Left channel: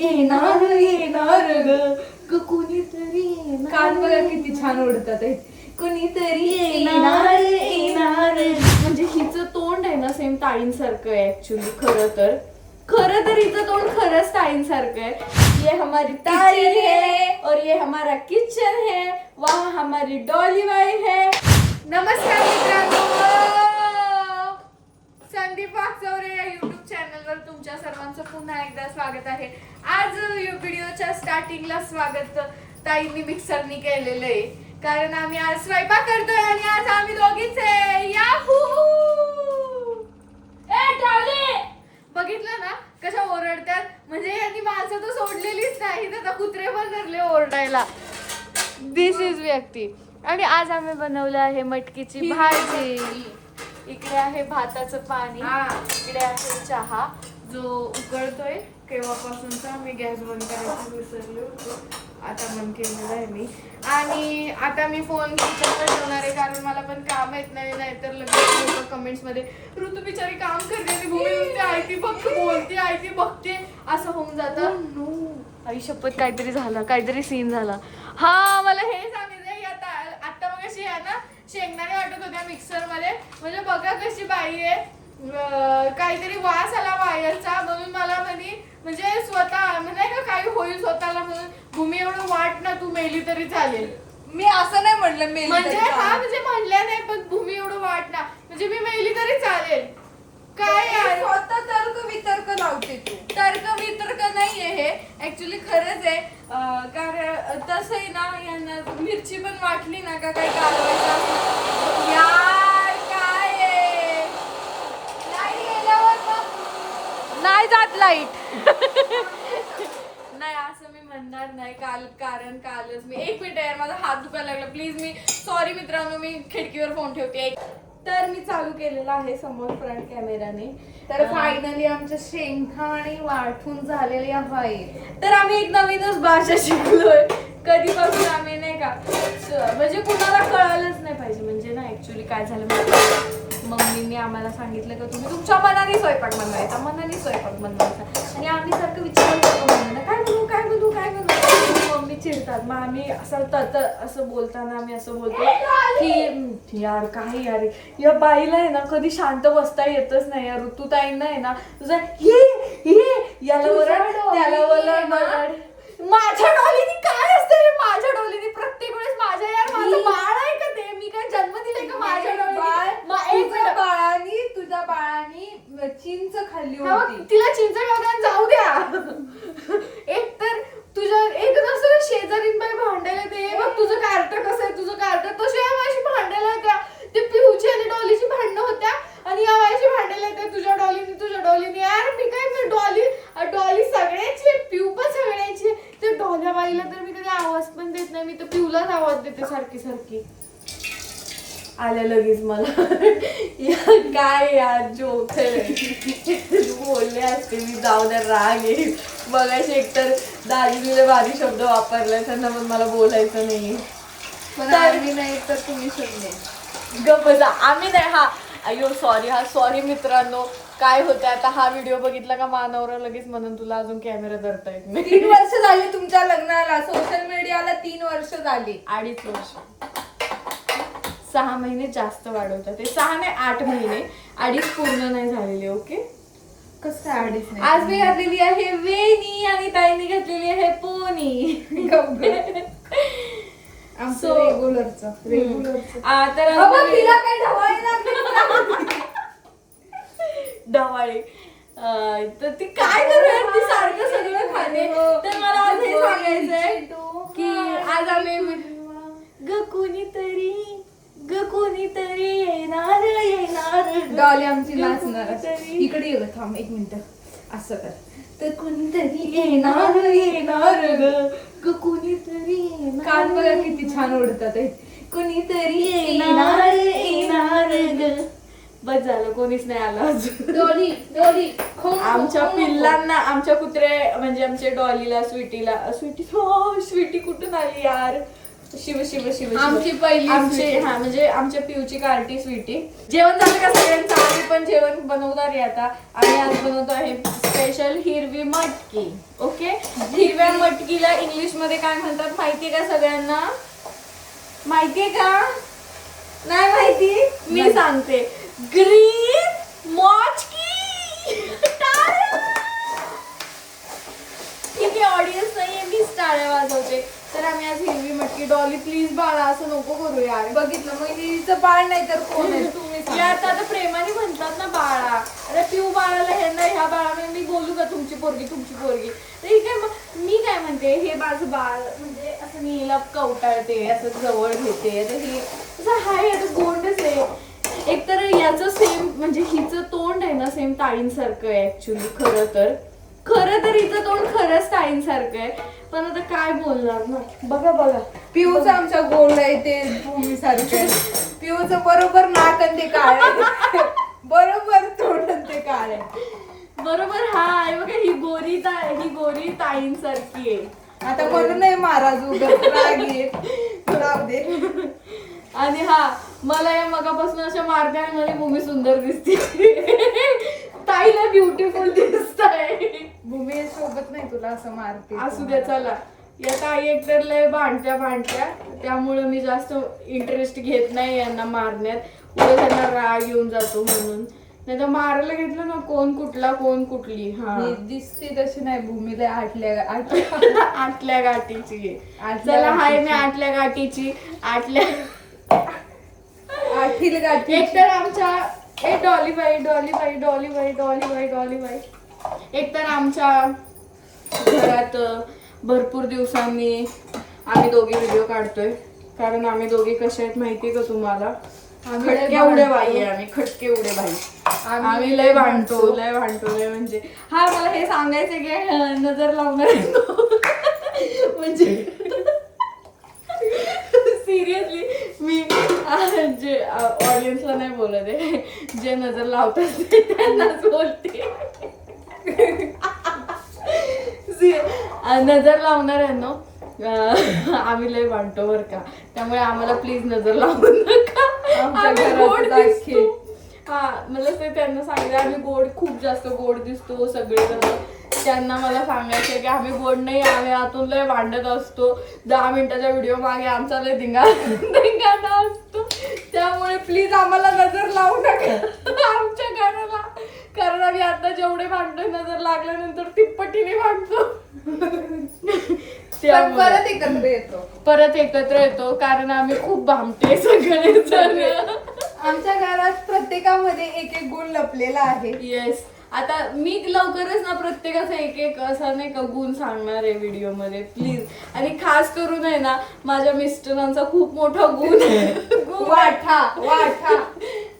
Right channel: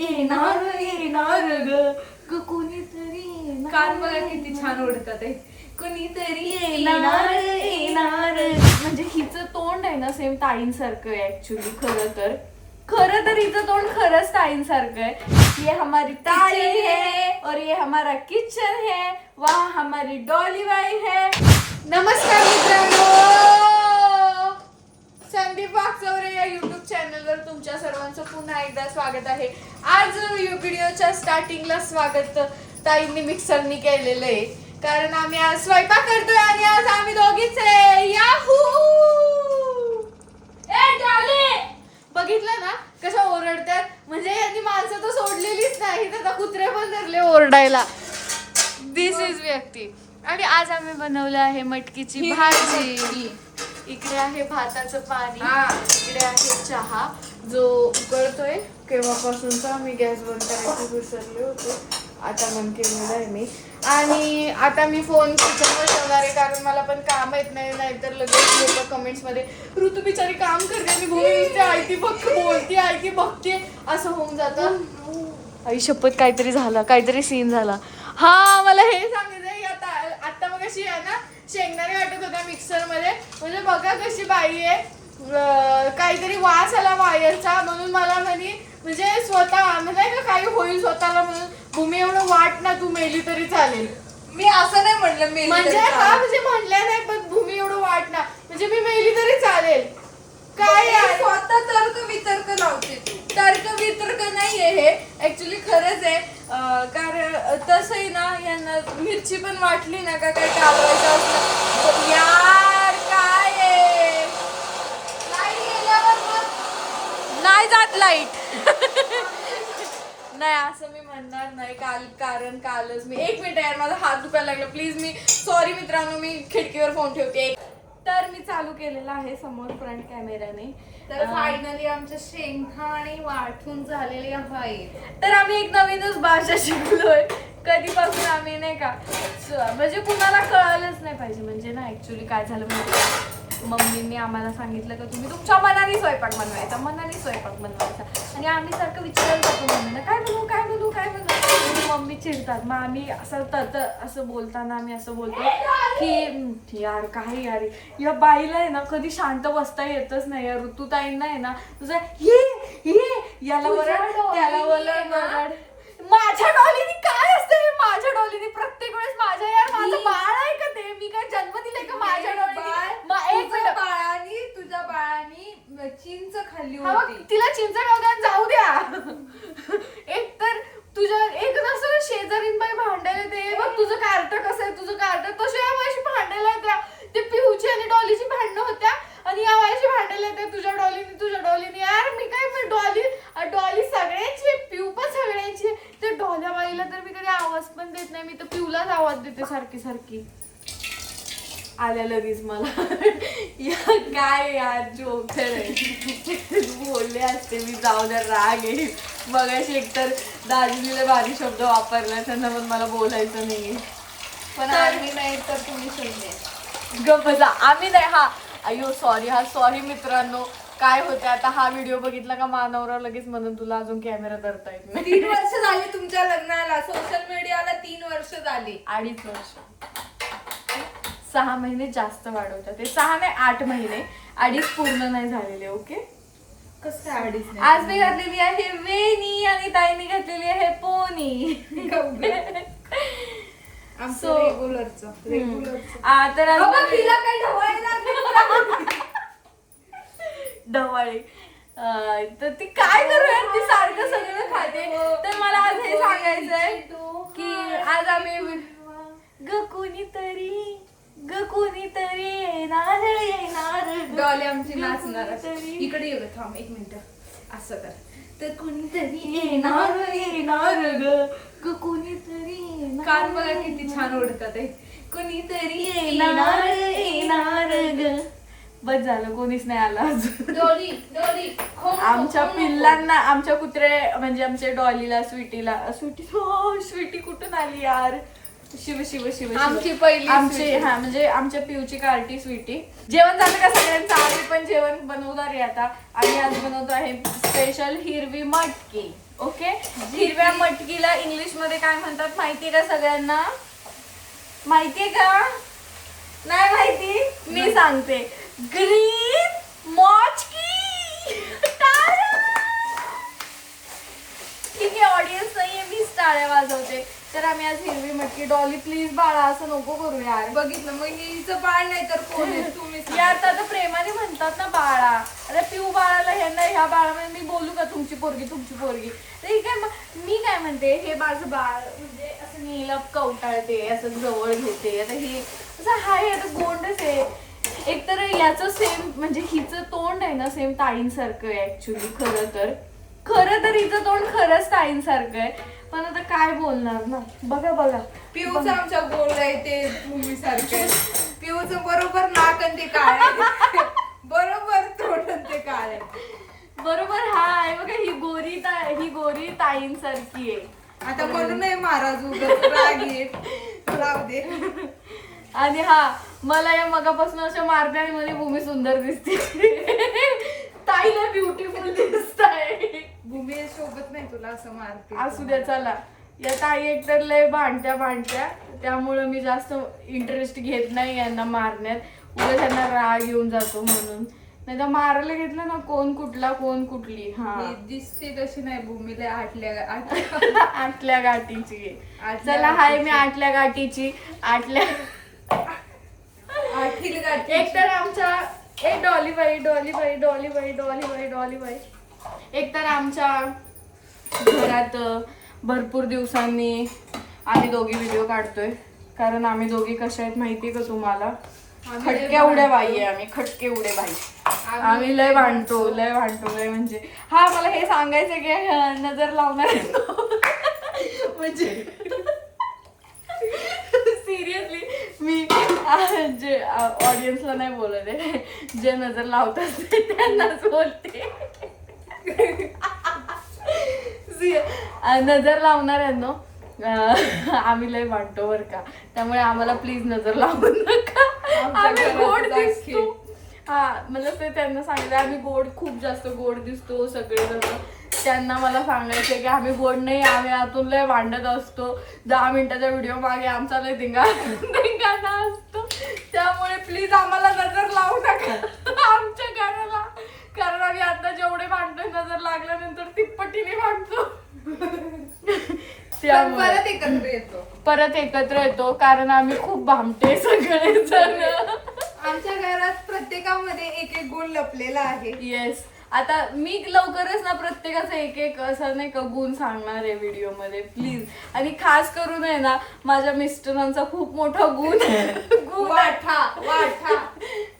येणार येणार ग कुणीतरी येणार. कान बघा किती छान ओढतात ते. कुणीतरी येणार येणार. म्हणजे हिचं तोंड आहे ना सेम ताईंसारखं आहे ऍक्च्युली. खरं तर हिचं तोंड खरंच ताईंसारखं आहे. ये हमारी ताई है और ये हमारा किचन है. वहाँ हमारी डॉली बाई है. नमस्कार मित्रांनो, संदीप वाकचौरे या युट्यूब चॅनलवर तुमच्या सर्वांचं पुन्हा एकदा स्वागत आहे. आज व्हिडिओच्या स्टार्टिंगला स्वागत ताईंनी मिक्सरनी केलेलं आहे, कारण आम्ही आज स्वयंपाक करतोय आणि आज आम्ही दोघीच आहे. याहू! ए डॉली, बघितलं ना कशा ओरडतात. म्हणजे यांनी माणसं तर सोडलेलीच नाही, तर कुत्रे पण धरले ओरडायला. दिस इज व्यक्ती. आणि आज आम्ही बनवलं आहे मटकीची भाजी. इकडे आहे भाताचं पाणी, इकडे आहे चहा जो उकळतोय. केव्हापासूनचा मी गॅस बंद करायची विसरले होते, आता बंद केलेलं आहे मी. आणि आता मी फोन किचनवर ठेवणार आहे, कारण मला पण काम येत नाही, नाहीतर लगेच लोक कमेंट्स मध्ये ऋतू बिचारी काम करते आणि भूमी आयती बघ बोलती आयती बघते असं होऊन जातं. आई शपथ काहीतरी झालं, काहीतरी सीन झाला. हा मला हे सांगायचं आता मग अशी आहे ना शेंगदाणे वाटत होत्या मिक्सर मध्ये. म्हणजे बघा कशी बाई आहे, काहीतरी वास आला वायरचा म्हणून मला म्हणजे स्वतः म्हणजे का काही होईल स्वतःला म्हणून भूमी एवढं वाट ना तू मेली तरी चालेल. मी असं नाही म्हणलं. मी म्हणजे हा म्हणजे म्हणल्या नाही, पण भूमी एवढं वाट ना म्हणजे मी मेली तरी चालेल. काय यार स्वतः तर्क वितर्क लावते तू. तर्क वितर्क नाहीये हे, ऍक्च्युली खरंच आहे. कारण तसंही ना यांना मिरची पण वाटली ना का काही कालवायचं असलं यार काय आहे. नाही जात लाईट. नाही असं मी म्हणणार नाही. कारण कालच मी एक मिनिट यार माझा हात दुखायला लागला, प्लीज. मी सॉरी मित्रांनो, मी खिडकीवर फोन ठेवते. तर मी चालू केलेला आहे समोर फ्रंट कॅमेराने. तर फायनली आमचे शेंगदाणे वाटून झालेले आहे. तर आम्ही एक नवीनच भाषा शिकलोय. कधीपासून आम्ही नाही का म्हणजे कुणाला कळालंच नाही पाहिजे. म्हणजे ना ऍक्च्युली काय झालं माहिती, मम्मीने आम्हाला सांगितलं का तुम्ही तुमच्या मनाने स्वयंपाक बनवायचा, मनाने स्वयंपाक बनवायचा. आणि आम्ही सारखं विचारत होतो मम्मीला काय बनवू काय बनवू काय बनवू. मम्मी चिडतात. मग आम्ही असं बोलताना आम्ही असं बोलतो की यार काय यार या बाईला आहे ना कधी शांत बसता येतच नाही. या ऋतुताईंना आहे ना तुझं हे याला वरड त्याला वरड. माझ्या डॉलीनी काय असतं हे, माझ्या डॉलीनी प्रत्येक वेळेस माझ्या यार माझं बाळ आहे का ते, मी काय जन्म दिलाय का माझ्या डॉलीनी. तुझ्या बाळानी चिंच खाल्ली हा होती. मग तिला चिंच खाऊ जाऊ द्या. एक तर तुझ्या एक नसतं शेजारीन बाई भांडायला ते बघ तुझं कार्ट कसं आहे, तुझं कार्ट तशी या वयाशी भांडायला येत्या. ते पिहूची आणि डॉलीची भांडणं होत्या आणि या वयाशी भांडायला येत्या तुझ्या डॉलीनी. यार मी काय डॉली सगळ्यांची, पिऊ पण सगळ्यांची. ते डॉल्या बाईला तर मी कधी आवाज पण देत नाही, मी तर पिऊलाच आवाज देते सारखी. आल्या लगेच मला काय यार जोकर बोलले असते मी, जाऊ दे राग येईल. मगाशी एकतर दाजीने भारी शब्द वापरले, त्यांना पण मला बोलायचं नाहीये. आम्ही नाही तर तुम्ही शोधले. गप्प बसा. आम्ही नाही. हा अयो सॉरी मित्रांनो. काय होते आता हा व्हिडिओ बघितला का मानवरा लगेच म्हणून तुला अजून कॅमेरा धरता येत नाही. 3 वर्ष झाली तुमच्या लग्नाला, सोशल मीडियाला 3 वर्ष झाली. 2.5 वर्ष. 6 महिने जास्त वाढवतात ते. 6 नाही 8 महिने. 2.5 पूर्ण नाही झालेले. ओके. कसं 2.5 नाही. आज मी घातलेली आहे वेणी आणि ताईने घातलेली आहे पोनी. रेग्युलरचं. तर तिला काही ढवळे लागले. ढवाळे. तर ती काय करूया, ती सारखं सगळं खाते. तर मला आज हे सांगायचंय की आज आम्ही ग कोणीतरी येणार. डॉली आमची नाचणार. कोणीतरी. इकडे ये थांब 1 मिनिट. असं कर. तर कोणीतरी येणार ग कोणीतरी येणार. कान बघा किती छान ओढतात ते. कोणीतरी येणार ग. बस झालं, कोणीच नाही आला अजून. डॉली आमच्या पिल्लांना, आमच्या कुत्रे म्हणजे आमच्या डॉलीला स्वीटी कुठून आली यार. शिव शिव शिव शिव. आमची पहिली आमची हा म्हणजे आमच्या पिऊची कार्टी स्वीटी. जेवण झालं का सगळ्यांचं? आम्ही पण जेवण बनवणार आहे आता. आम्ही आज बनवतो आहे स्पेशल हिरवी मटकी. ओके, हिरव्या मटकीला इंग्लिश मध्ये काय म्हणतात माहितीये का सगळ्यांना? माहितीये का? नाही माहिती? मी सांगते, ग्रीन मॉचकी. ठीक आहे, ऑडियन्स नाहीये, मीच टाळ्या वाजवते. तर आम्ही आज हिरवी मटकी. डॉली प्लीज बाळा असं नको करू यार. बघितलं मग हिचं बाळ नाही तर कोण आहे? तुम्ही सांगा. यार आता प्रेमाने म्हणतात ना बाळा. अरे पिऊ बाळाला ह्या बाळामध्ये मी बोलू का तुमची पोरगी तुमची पोरगी? तर ही काय मी काय म्हणते, हे माझं बाळ म्हणजे असं मी हिला कवटाळते, असं जवळ घेते. आता हे असं हाय, आता गोंडच आहे. एकतर याचं सेम म्हणजे हिचं तोंड आहे ना सेम ताईंसारखं आहे ऍक्च्युली. खरं तर हिचं तोंड खरंच ताईंसारखं आहे. पण आता काय बोलणार ना. बघा बघा, पिऊच आमच्या गोल आहे ते भूमी सारखं. पिऊच बरोबर नाक आणि ते काळे, बरोबर तोंड आणि ते काळे. बरोबर. हा आहे बघा, ही गोरी ताईंसारखी आहे. आता म्हणून नाही महाराज उगाच राग येत. राहू दे. आणि हा मला या मगापासून अशा मारते आणि म्हणजे भूमी सुंदर दिसते. ताईला ब्युटिफुल दिसत आहे. भूमी सोबत नाही तुला असं मारते. असू द्या चला. या ताई एकतर लय भांडत्या, त्यामुळे मी जास्त इंटरेस्ट घेत नाही यांना मारण्यात. उद्या त्यांना राग येऊन जातो म्हणून. नाही तर मारायला घेतलं ना कोण कुठला कोण कुठली. हा दिसते तशी नाही भूमीला आटल्या गाठीची. चला हाय मी आटल्या गाठीची. आठील गाठी. एकतर आमच्या डॉलीबाई एकतर आमच्या घरात भरपूर दिवसांनी आम्ही दोघे व्हिडिओ काढतोय. कारण आम्ही दोघे कशा आहेत माहितीये का तुम्हाला? खटक्या उड्या बाई आहे आम्ही. खटके उड्या बाई. आम्ही लय भांडतो लय म्हणजे. हा मला हे सांगायचं की नजर लावणार म्हणजे सिरियसली मी जे ऑडियन्सला नाही बोलत आहे, जे नजर लावतात त्यांनाच बोलते. नजर लावणाऱ्यांनो आम्ही लय वाटतो बर का. त्यामुळे आम्हाला प्लीज नजर लावू नका. आम्ही गोड दिसतो. हा मला ते त्यांना सांगितलं आम्ही खूप जास्त गोड दिसतो सगळेजण. त्यांना मला सांगायचं की आम्ही गोड नाही, आम्ही आतून लय भांडत असतो. 10 मिनिटाच्या व्हिडिओ मागे आमचा लय धिंगाणा असतो. त्यामुळे प्लीज आम्हाला नजर लावू नका आमच्या घराला. कारण आम्ही आता जेवढे भांडतोय नजर लागल्यानंतर तिप्पटीने भांडतो. परत एकत्र येतो कारण आम्ही खूप भामटे सगळे जण. आमच्या घरात प्रत्येकामध्ये एक गुण लपलेला आहे. येस. आता मी लवकरच ना प्रत्येकाचा एक असा नाही का गुण सांगणार आहे व्हिडिओ मध्ये प्लीज. आणि खास करून आहे ना माझ्या मिस्टरांचा खूप मोठा गुण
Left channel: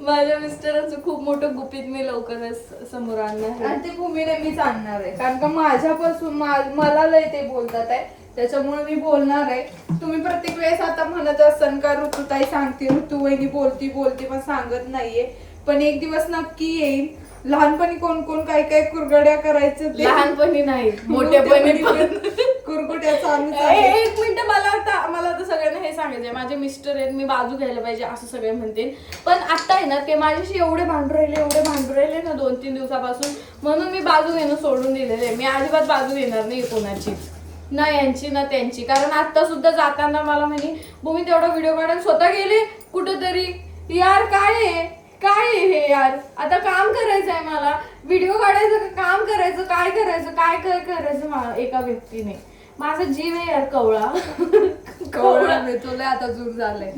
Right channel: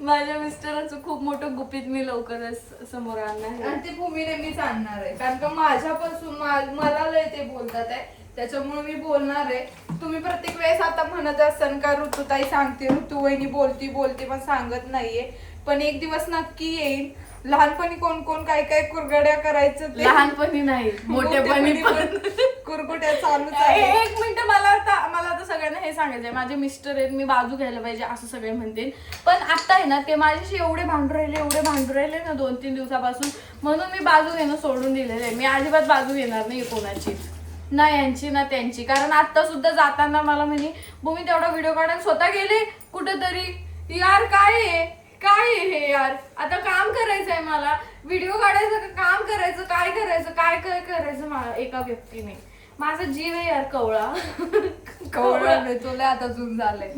माझ्या मिस्टरांचं खूप मोठं गुपित मी लवकरच समोर आणणार. आणि ते भूमीने मीच आणणार आहे. कारण का माझ्यापासून मला लय ते बोलतात आहे, त्याच्यामुळे मी बोलणार आहे. तुम्ही प्रत्येक वेळेस आता म्हणत असाल का ऋतुताई सांगते, ऋतुवहिनी बोलती पण सांगत नाहीये. पण एक दिवस नक्की येईल. लहानपणी कोण कोण काय काय कुरगड्या करायचं. लहानपणी नाही मोठेपणी पण कुरगुड्या चालू. एक मिनिट मला आता सगळ्यांना हे सांगायचंय, माझे मिस्टर आहेत मी बाजू घ्यायला पाहिजे असं सगळे म्हणतील. पण आता आहे ना ते माझ्याशी एवढे भांडू राहिले ना 2-3 दिवसापासून. म्हणून मी बाजू घेणं सोडून दिलेलं आहे. मी अजिबात बाजू घेणार नाही कोणाचीच, ना यांची ना त्यांची. कारण आता सुद्धा जाताना मला म्हणे भूमी तेवढा व्हिडिओ काढून स्वतः गेले कुठंतरी. यार काय आहे हे यार. आता काम करायचं आहे मला, व्हिडिओ काढायचं काम करायचं, काय करायचं एका व्यक्तीने. माझा जीव आहे यार कवळा नाही तुला आता जून झालंय.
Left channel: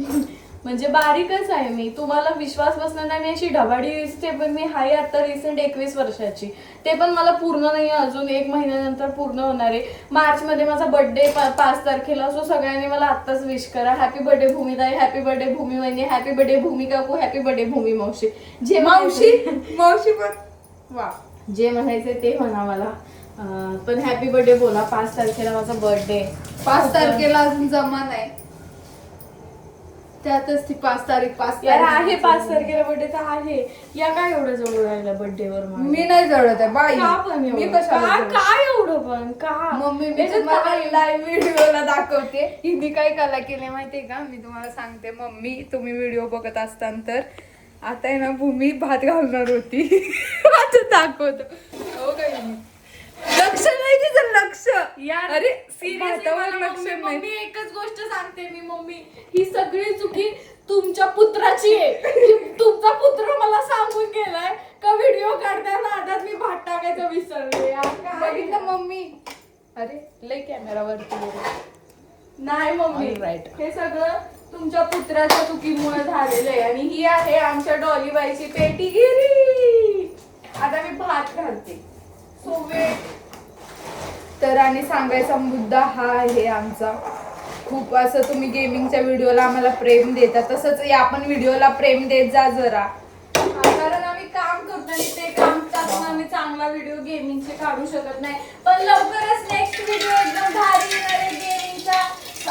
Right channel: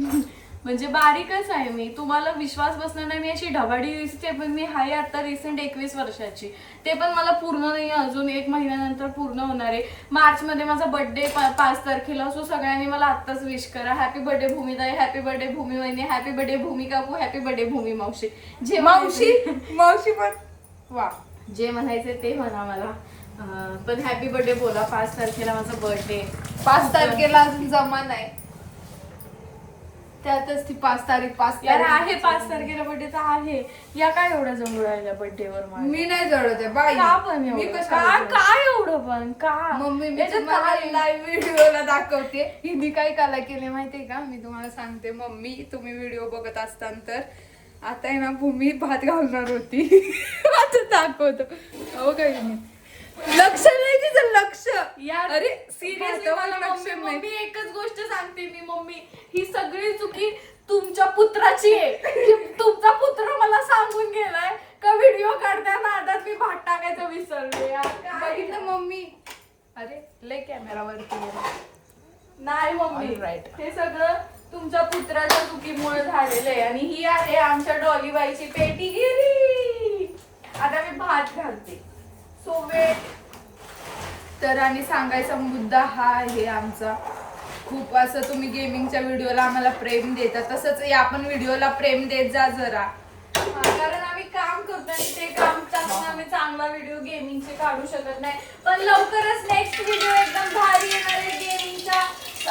म्हणजे बारीकच आहे मी. तुम्हाला विश्वास बसणार नाही मी अशी ढबाडी दिसते पण मी हाय आता रिसेंट 21 वर्षाची. ते पण मला पूर्ण नाही, अजून 1 महिन्यानंतर पूर्ण होणार आहे. मार्च मध्ये माझा बर्थडे 5 तारखेला. सो सगळ्यांनी मला आत्ताच विश करा. हॅपी बर्थडे भूमिताई, हॅपी बर्थडे भूमी वहिनी, हॅपी बर्थडे भूमी काकू, हॅपी बर्थडे भूमी मावशी. जे मावशी पण वा जे म्हणायचे ते म्हणा मला. पण हॅपी बर्थडे बोला. 5 तारखेला माझा बर्थडे. 5 तारखेला अजून जमा नाही. त्यातच ती 5 तारीख 5 यार तारीख आहे 5 तारखेला बर्थडे तर आहे. या काय एवढं जवळ राहिला बर्थडे वर माझ्या? मी नाही जळत आहे बाई. का पण मी एवढं? कशाला जळत? काय एवढं पण का? मम्मी मी याच्यात तुम्हाला काय? लाईव्ह व्हिडिओला दाखवते. हिने काय कला केले माहितीये का? मी तुम्हाला सांगते. मम्मी तुम्ही व्हिडिओ बघत असताना तर आता आहे ना भूमी भात घालणार होती. आता दाखवतो. हो काय लक्ष नाही तिचं लक्ष. यार अरे सिरियसली भातावर मला लक्ष नाही. मम्मी एकच गोष्ट सांगते मी, मम्मी ही सगळी चुकी तुमच्या पुत्राची आहे. तुमचा पुत्र मला सांगून गेलाय का व्हिडिओ काढताना आता मी भात टाकायचं विसरले. यार काय? बघितलं मम्मी. अरे लय कॅमेरा वरती गेला. नाही मम्मी Alright. हे सगळं तुमच्या पुत्राच्या चुकीमुळे झालेलं आहे. आणि ही आहे आमच्या डॉलीबाईची पेटीगिरी. आता मी भात घालते. So wait. तर आणि सांगायचा मुद्दा हा आहे आमचा. खूप असं तुम्ही गेमिंगच्या व्हिडिओला आम्हाला प्रेम देता, तसंच या पण व्हिडिओला प्रेम देत जा जरा. कारण आम्ही काम करतो आणि ते काम करताना आम्ही चांगला व्हिडिओ गेमिंगचे काढू शकत नाही. पण लवकरच नेक्स्ट व्हिडिओ एकदम भारी येणार आहे गेमिंगचा.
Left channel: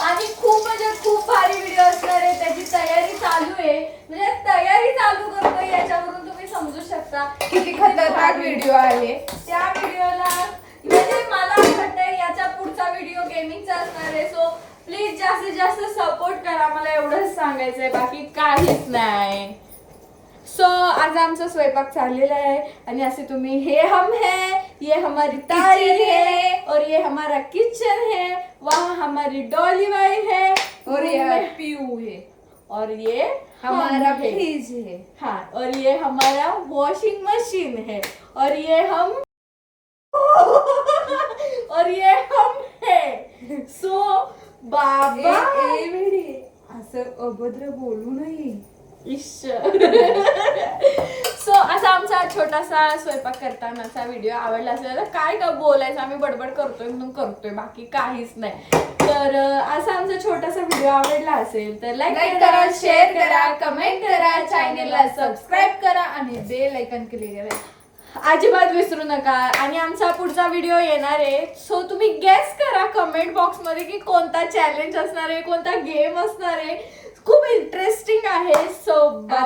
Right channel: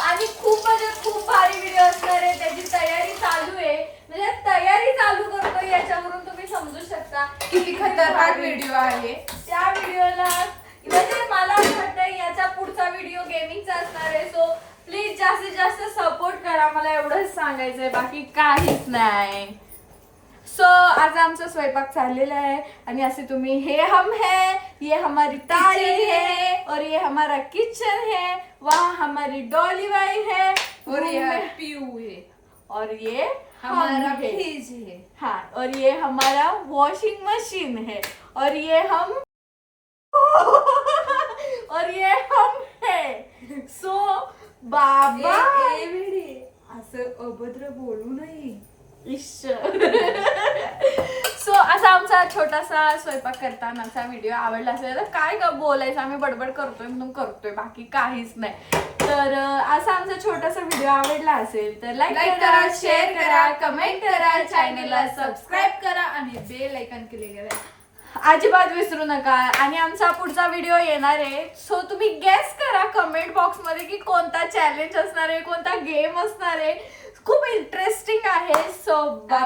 आणि खूप म्हणजे खूप भारी व्हिडिओ असणार आहे. त्याची तयारी चालू आहे. म्हणजे तयारी चालू करतोय याच्यावरून तुम्ही समजू शकता किती खतरनाक व्हिडिओ आहे. त्या व्हिडिओला. म्हणजे मला असं वाटतंय याचा पुढचा व्हिडिओ गेमिंगचा असणार आहे. सो प्लीज जास्तीत जास्त सपोर्ट करा. मला एवढंच सांगायचंय, बाकी काहीच नाही. सो आज आमचा स्वयंपाक चाललेला है आणि असे तुम्ही हे हम है, ये हमारी तारी है और ये हमारा किचन है, वहाँ हमारी डॉली बाई है और ये रूम पीयू है और ये हमारा हम है. फ्रिज है. हाँ और ये हमारा वॉशिंग मशीन है और ये हम और ये हम है. सो बाबा असं अभद्र बोलू नये. सो असा आमचा छोटासा स्वयंपाक करतानाचा व्हिडिओ आवडला असेल तर काय का बोलायचं, आम्ही बडबड करतोय म्हणून करतोय, बाकी काहीच नाही. तर असा आमचा छोटासा व्हिडिओ आवडला असेल तर लाईक करा, शेअर करा, कमेंट करा, चॅनलला सबस्क्राईब करा आणि बेल आयकॉन क्लिक करा. अजिबात विसरू नका. आणि आमचा पुढचा व्हिडिओ येणार आहे. सो तुम्ही गेस करा कमेंट बॉक्स मध्ये की कोणता चॅलेंज असणार आहे, कोणता गेम असणार आहे. खूप इंटरेस्टिंग आहे. So bye.